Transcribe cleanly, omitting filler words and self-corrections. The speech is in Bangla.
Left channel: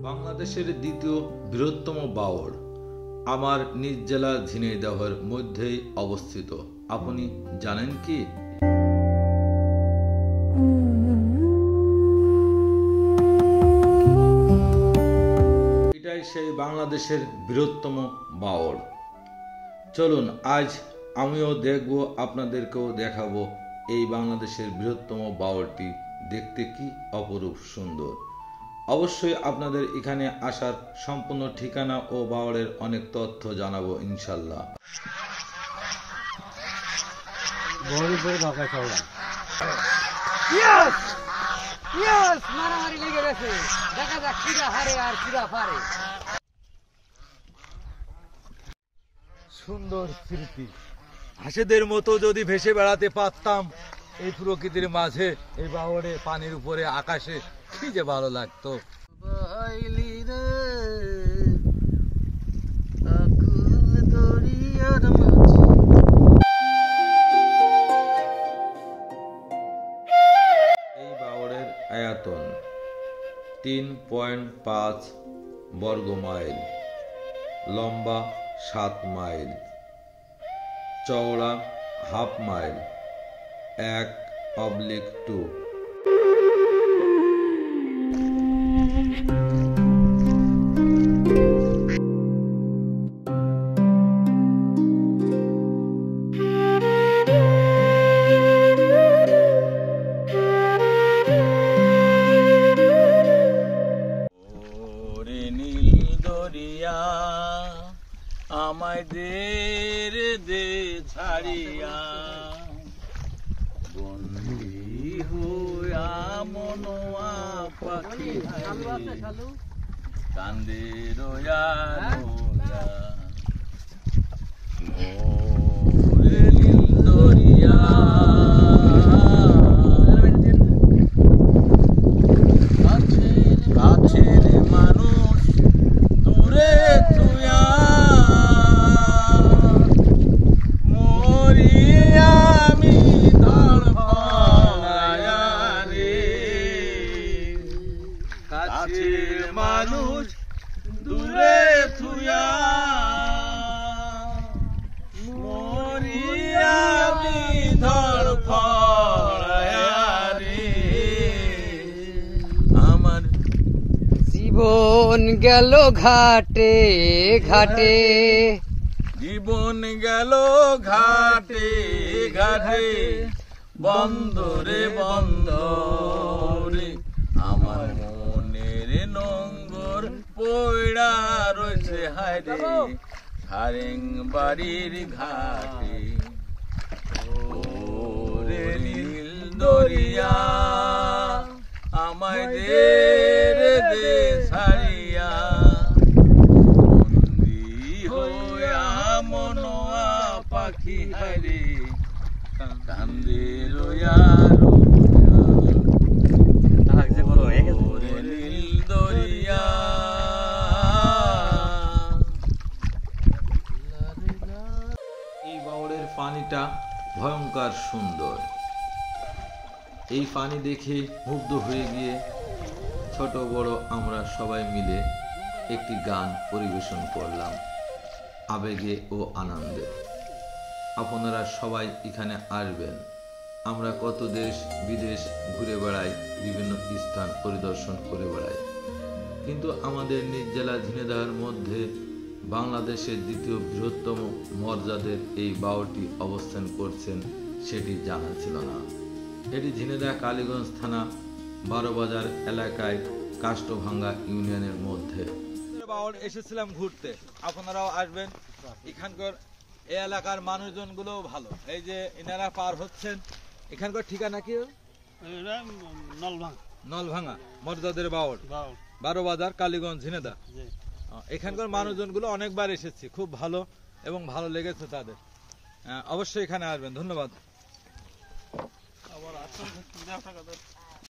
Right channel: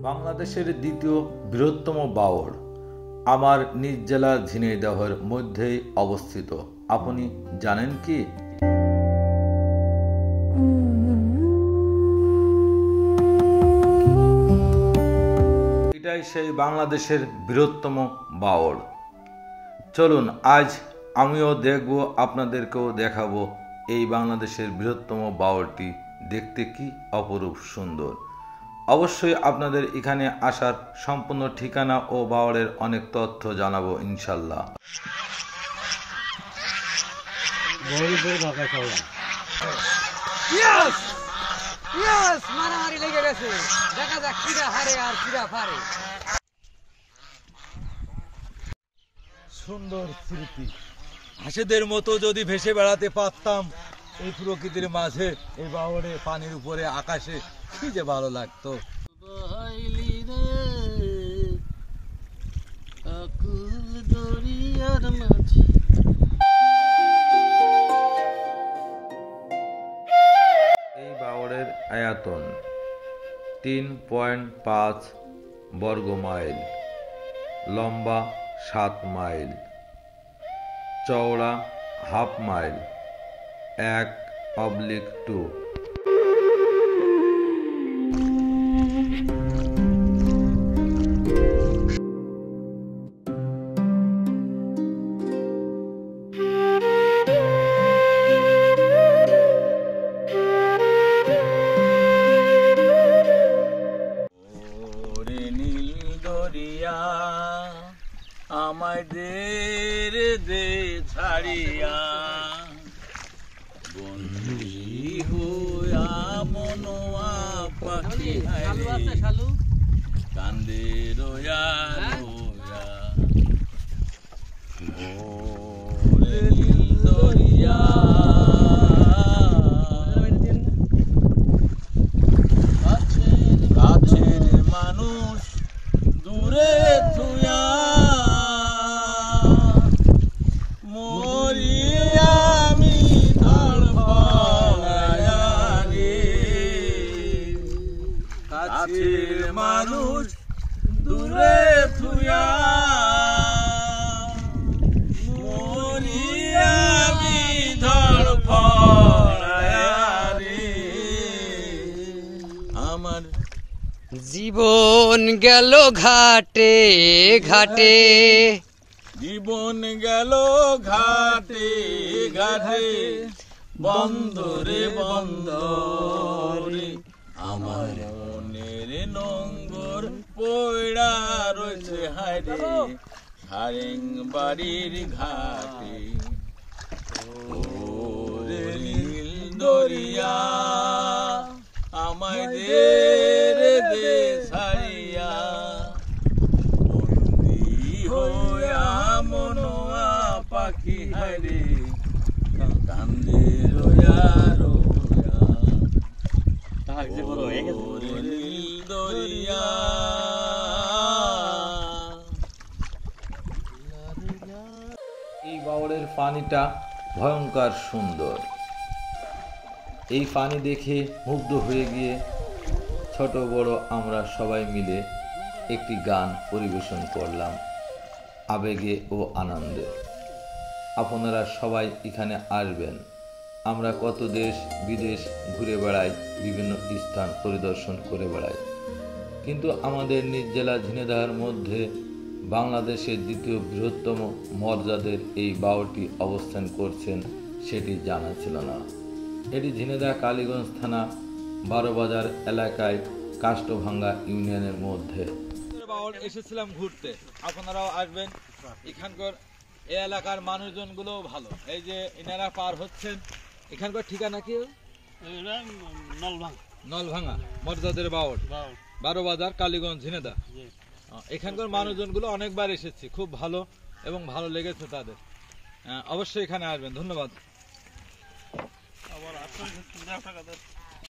বাংলাদেশের দ্বিতীয় বৃহত্তম বাওড় আমার নিজ জেলা ঝিনাইদহের মধ্যেই অবস্থিত। আপনি জানেন কি? এটাই সেই বাংলাদেশের বৃহত্তম বাওড়। চলুন আজ আমিও দেখব, আপনাদেরকেও দেখাবো এই বাংলাদেশের বৃহত্তম বাওড়টি দেখতে কি অপরূপ সুন্দর। অবশ্যই আপনাদের এখানে আসার সম্পূর্ণ ঠিকানা ও বাওড়ের অনেক তথ্য জানাবো ইনশাল্লাহ। সুন্দর স্মৃতি, হাসিদের মতো যদি ভেসে বেড়াতে পারতাম এই প্রকৃতির মাঝে, এই বাওড়ে, পানির উপরে, আকাশে, কি যে ভালো লাগতো। এই বাওড়ের আয়তন 3.5 বর্গ মাইল, লম্বা 7 মাইল, চওড়া হাফ মাইল, 1/2। আমায় দে ছাড়িয়া, বন্দী হইয়া মনোয়া পাখি কান্দে রয়া রয়া, ওরে নীল দরিয়া, কাছের মানুষ দূরে তুইয়া, মানুষ দূরে থুয়া, মরিয়া আমার জীবন গেল ঘাটে ঘাটে, জীবন গেল ঘাটে ঘাটে, বন্দরে বন্দরে, আমার মনের নঙ্গর পয়ড়া রয়েছে হায়রে সারেং বাড়ির ঘাটে। ওরে নীল দরিয়া, আমায় দে ছাড়িয়া, বন্দী হইয়া মনোয়া পাখি হায়রে কান্দে রয়া রয়া, ওরে নীল দরিয়া। এই বাওড়ের পানিটা ভয়ঙ্কর সুন্দর। এই পানি দেখে মুগ্ধ হয়ে গিয়ে ছোট বড় আমরা সবাই মিলে একটি গান পরিবেশন করলাম আবেগে ও আনন্দে। আপনারা সবাই এখানে আসবেন। আমরা কত দেশ বিদেশ ঘুরে বেড়াই, বিভিন্ন স্থান পরিদর্শন করে বেড়াই, কিন্তু আমাদের নিজ জেলা ঝিনাইদহের মধ্যে বাংলাদেশের দ্বিতীয় বৃহত্তম মর্যাদার এই বাওড়টি অবস্থান করছেন সেটি জানা ছিল না। এটি ঝিনাইদহ কালীগঞ্জ থানা 12 বাজার এলাকায় কাষ্টভাঙ্গা ইউনিয়নের মধ্যে। বাওড় এসেছিলাম ঘুরতে, আপনারাও আসবেন। এখানকার এই এলাকার মানুষজনগুলো ভালো। এই যে এনারা পার হচ্ছেন, এখানকার ঠিকানা কি? নলভাঙা মর্যাদার বাওড়, 12 বাজার কালীগঞ্জ ঝিনাইদহ। এখানকার মানুষজনগুলো অনেকবার এসেছি, খুব ভালো এবং ভালো লেগেছে তাদের। অবশ্যই এখানে আসবেন। ধন্যবাদ।